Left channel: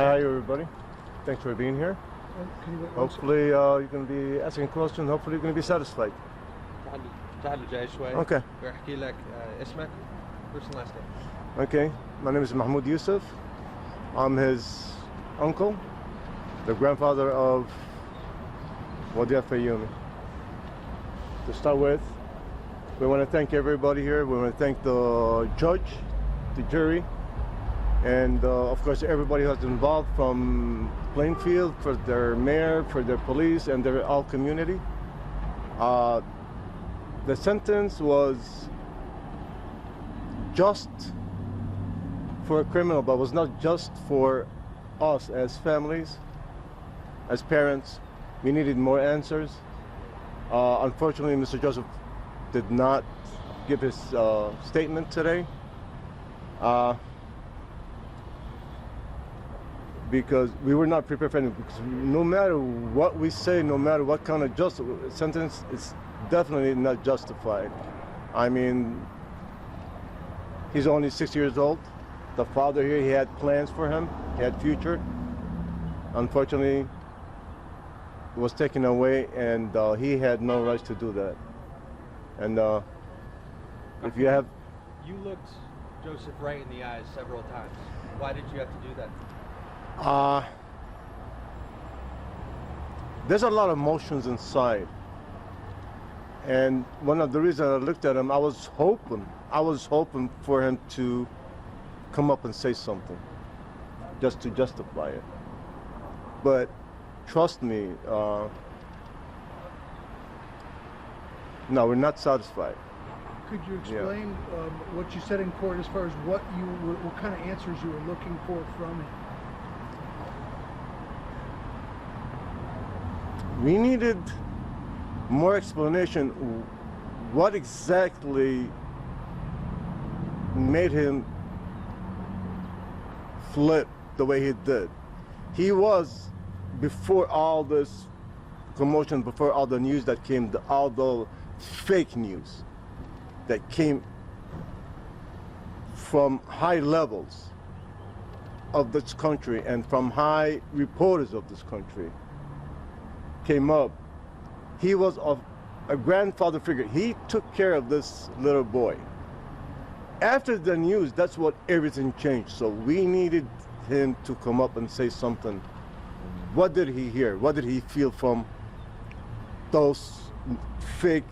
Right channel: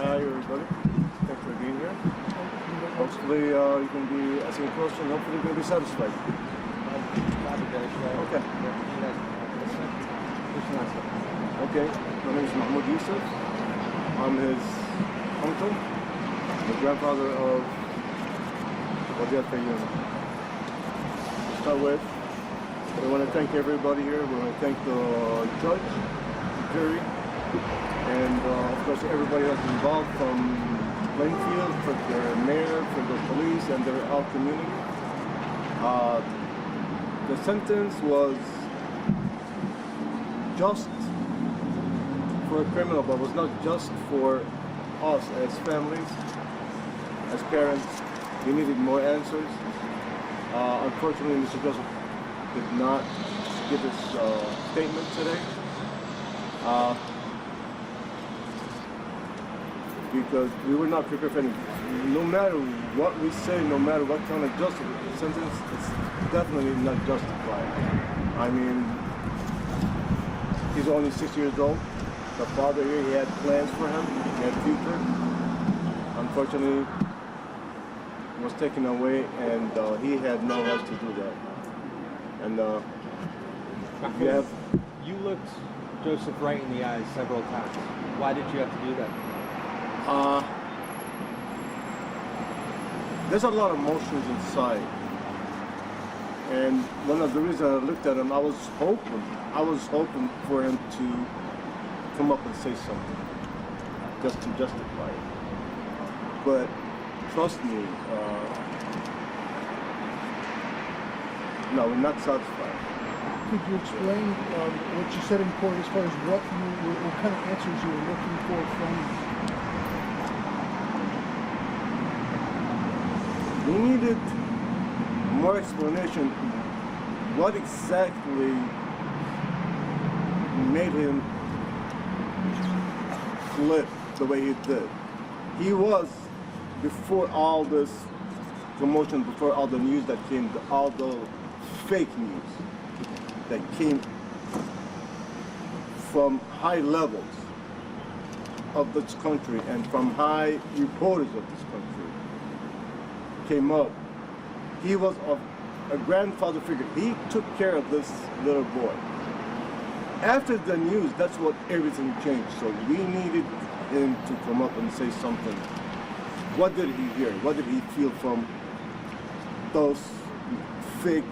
Hi everybody, thanks for being here. Hopefully you can be asking questions, hopefully you can be satisfied. Okay. Okay, my name is Mahmoud Yusuf. I'm his uncle, the grandfather of Wadia Fayoum. To start with, we want to thank everybody here. We want to thank the judge, the jury, and of course everybody who's involved, from Plainfield, for their mayor, for their police, and their all community. The sentence was just for a criminal, but was not just for us as families, as parents. We needed more answers. Unfortunately, Mr. Joseph did not give his statement today. Because we were not prepared for anything. No matter what we say, no matter what kind of justice sentence, it's definitely not justified. I mean, he's only 6 years old. The father here, he had plans for him, he had future. Unfortunately, it was taken away, and he had no right to do that. And if you have... You looked Joseph right in the eyes several times. Why did you have to do that? There's a lot of emotions inside, and one of the reasons I looked at him, I was hoping for him to come up and say something, just to justify it. But trust me, no, we're not satisfied. Could you explain what you said in court as far as what kind of answers you were looking for from him? We needed more explanation. What exactly made him flip the way he did? He was, before all this commotion, before all the news that came, all the fake news that came from high levels of this country and from high reporters of this country, came up. He was a grandfather figure. He took care of this little boy. After the news, that's what everything changed. So we needed him to come up and say something. What did he hear? What did he feel from those fake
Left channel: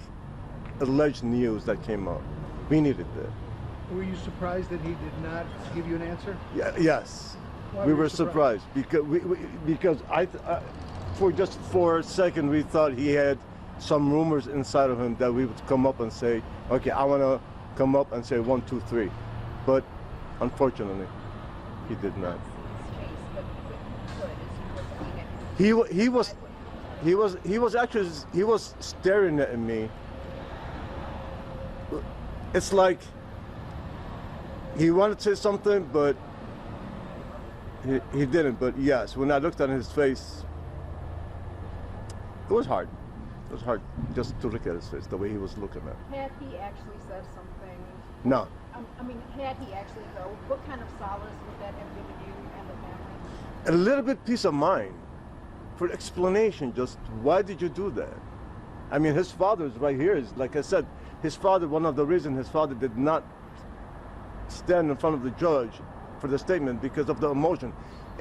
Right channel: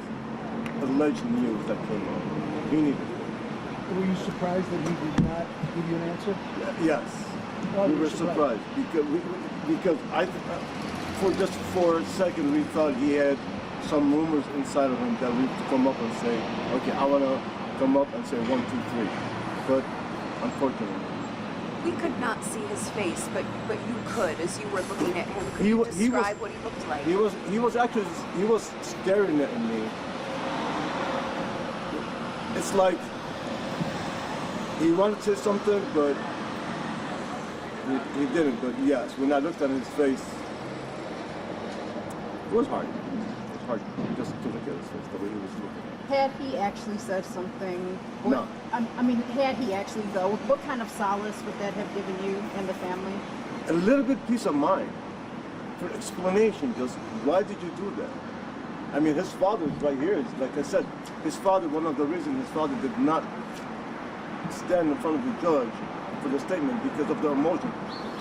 alleged news that came up? We needed it. Were you surprised that he did not give you an answer? Yeah, yes. Why we were were you surprised because for just for a second we thought he had some rumors inside of him that we'd come up and say, okay, I want to come up and say 1, 2, 3. But unfortunately, we could not see his face, but you could, as you were looking at him. Could he you was describe what he looked like? He was staring at me. It's like he wanted to say something, but he didn't. But yes, when I looked at his face, it was hard. It was hard just to look at his face, the way he was looking at it. Had he actually said something? No. I mean, had he actually, though, what kind of solace would that have given you and the family? A little bit peace of mind, for explanation, just why did you do that? I mean, his father is right here. Like I said, his father, one of the reasons his father did not stand in front of the judge for the statement because of the emotion.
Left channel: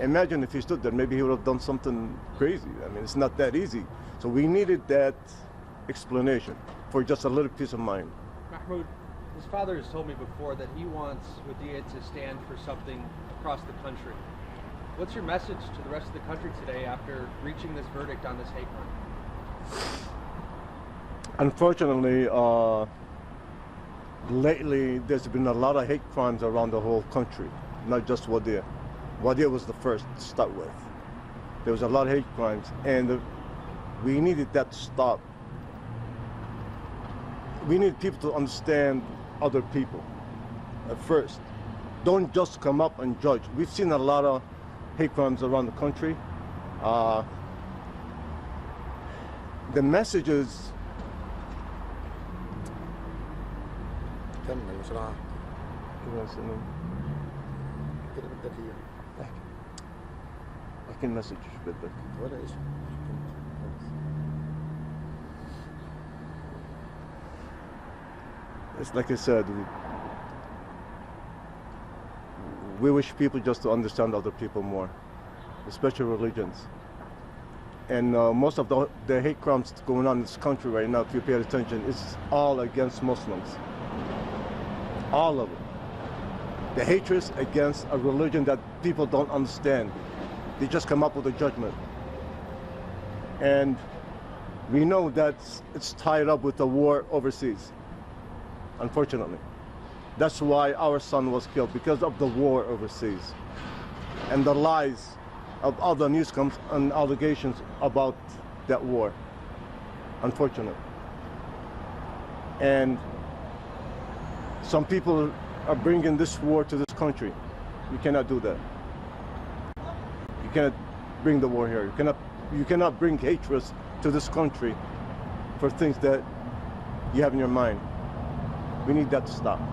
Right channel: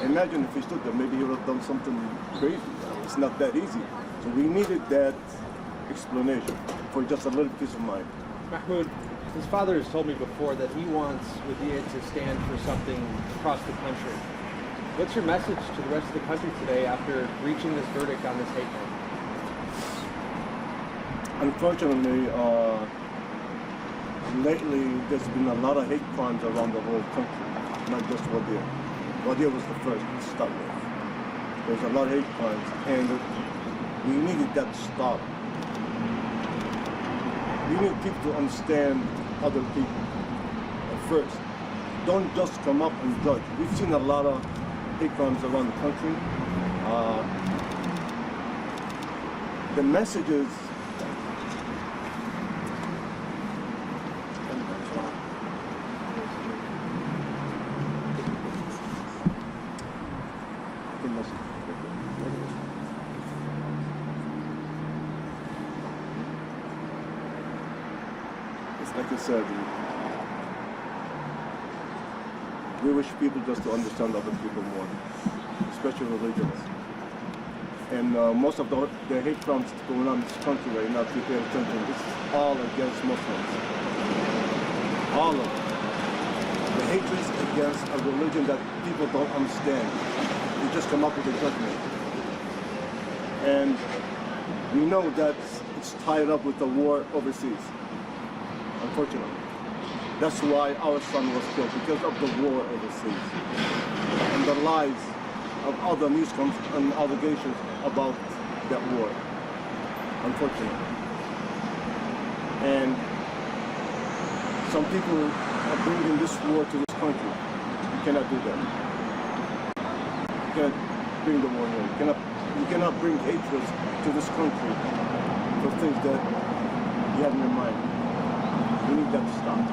Imagine if he stood there, maybe he would have done something crazy. I mean, it's not that easy. So we needed that explanation for just a little peace of mind. Mahmoud, his father has told me before that he wants Wadia to stand for something across the country. What's your message to the rest of the country today after reaching this verdict on this hate crime? Unfortunately, lately there's been a lot of hate crimes around the whole country, not just Wadia. Wadia was the first to start with. There was a lot of hate crimes, and we needed that to stop. We need people to understand other people at first. Don't just come up and judge. We've seen a lot of hate crimes around the country. The messages can message you. What is it? It's like I said, we wish people just to understand other people more, especially religions. And most of the hate crimes going on in this country right now, if you pay attention, it's all against Muslims. All of it. The hatred against a religion that people don't understand. They just come up with a judgment. And we know that it's tied up with the war overseas, unfortunately. That's why our son was killed, because of the war overseas. And the lies of other news and allegations about that war, unfortunately. And some people are bringing this war to this country. You cannot do that. You cannot bring the war here. You cannot bring hatred to this country for things that you have in your mind. We need that to stop. So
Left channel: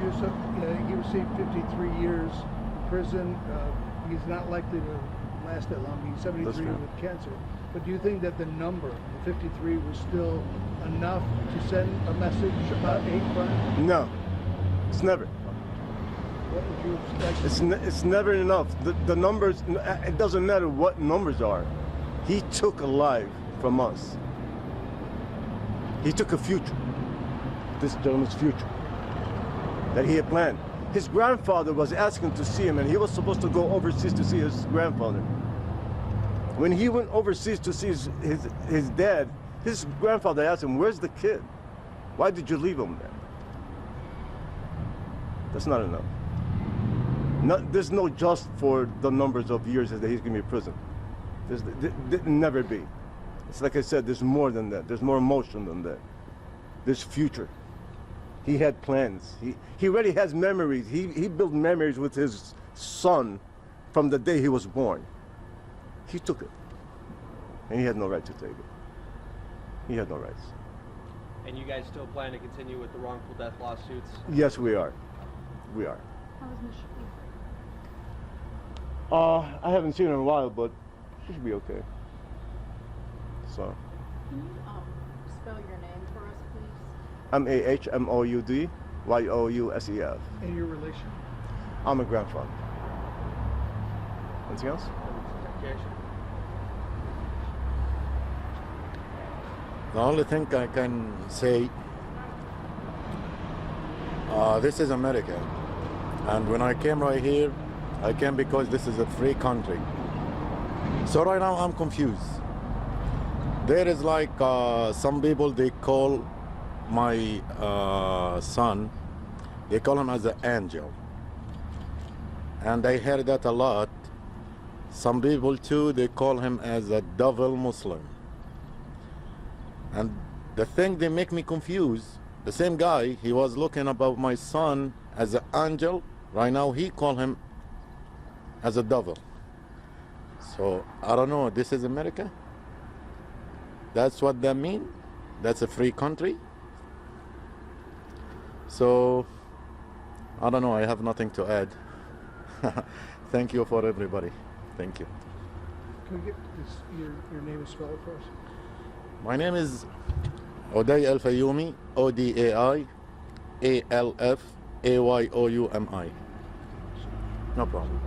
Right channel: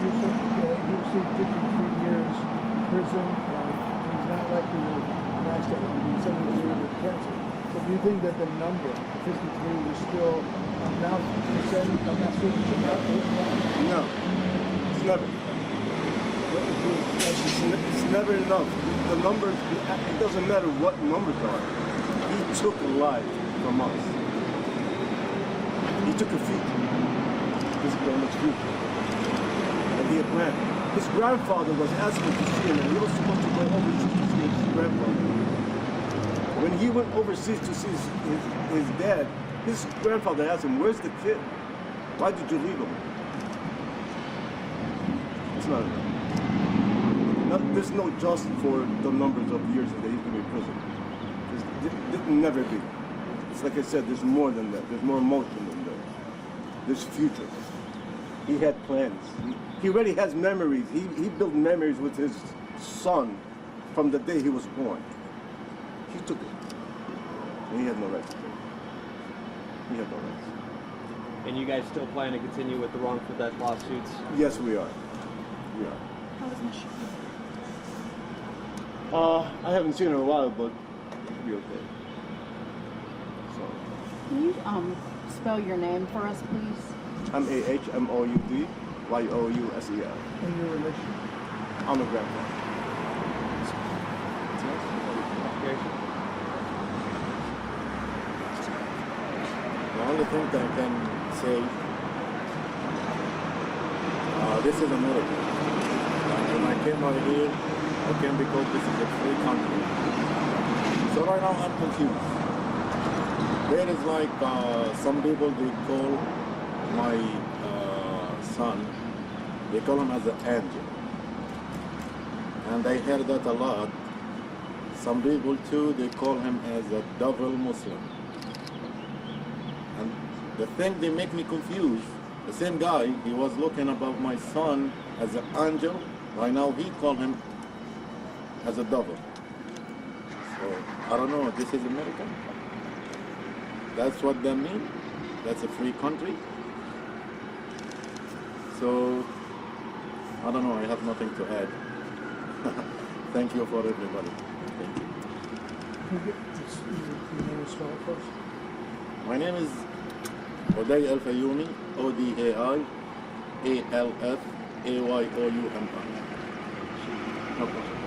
he received 53 years in prison. He's not likely to last that long. He's 73 with cancer. But do you think that the number 53 was still enough to send a message about hate crime? No, it's never. It's never enough. The numbers, it doesn't matter what numbers are. He took a life from us. He took a future, this government's future, and he had planned. His grandfather was asking to see him, and he was supposed to go overseas to see his grandfather. When he went overseas to see his dad, his grandfather asked him, "Where's the kid? Why did you leave him?" It's not enough. There's no just for the numbers of years that he's going to be in prison. There's never be. It's like I said, there's more than that. There's more emotion than that. There's future. He had plans. He already has memories. He built memories with his son from the day he was born. He took it. And he had no right to take it. He had no rights. And you guys still plan to continue with the wrongful death lawsuits? Yes, we are. We are. I haven't seen her in a while, but it'll be okay. So. Can you spell your name for us, please? I'm AHMOUD YOUSEL. And your relation? I'm a grandfather. Anything else? The only thing I can say, this is America. And when I came right here, I came because this is a free country. So right now I'm confused. There is like some people, they call my son, they call him as an angel. And I heard that a lot. Some people too, they call him as a devil Muslim. And the thing they make me confused, the same guy, he was looking about my son as an angel. Right now he call him as a devil. So I don't know, this is America? That's what that means? That's a free country? So I don't know, I have nothing to add. Thank you for everybody. Thank you. Your name is spelled first? My name is Oday Al-Fayoumi, ODAI ALFAYOUMI. No problem.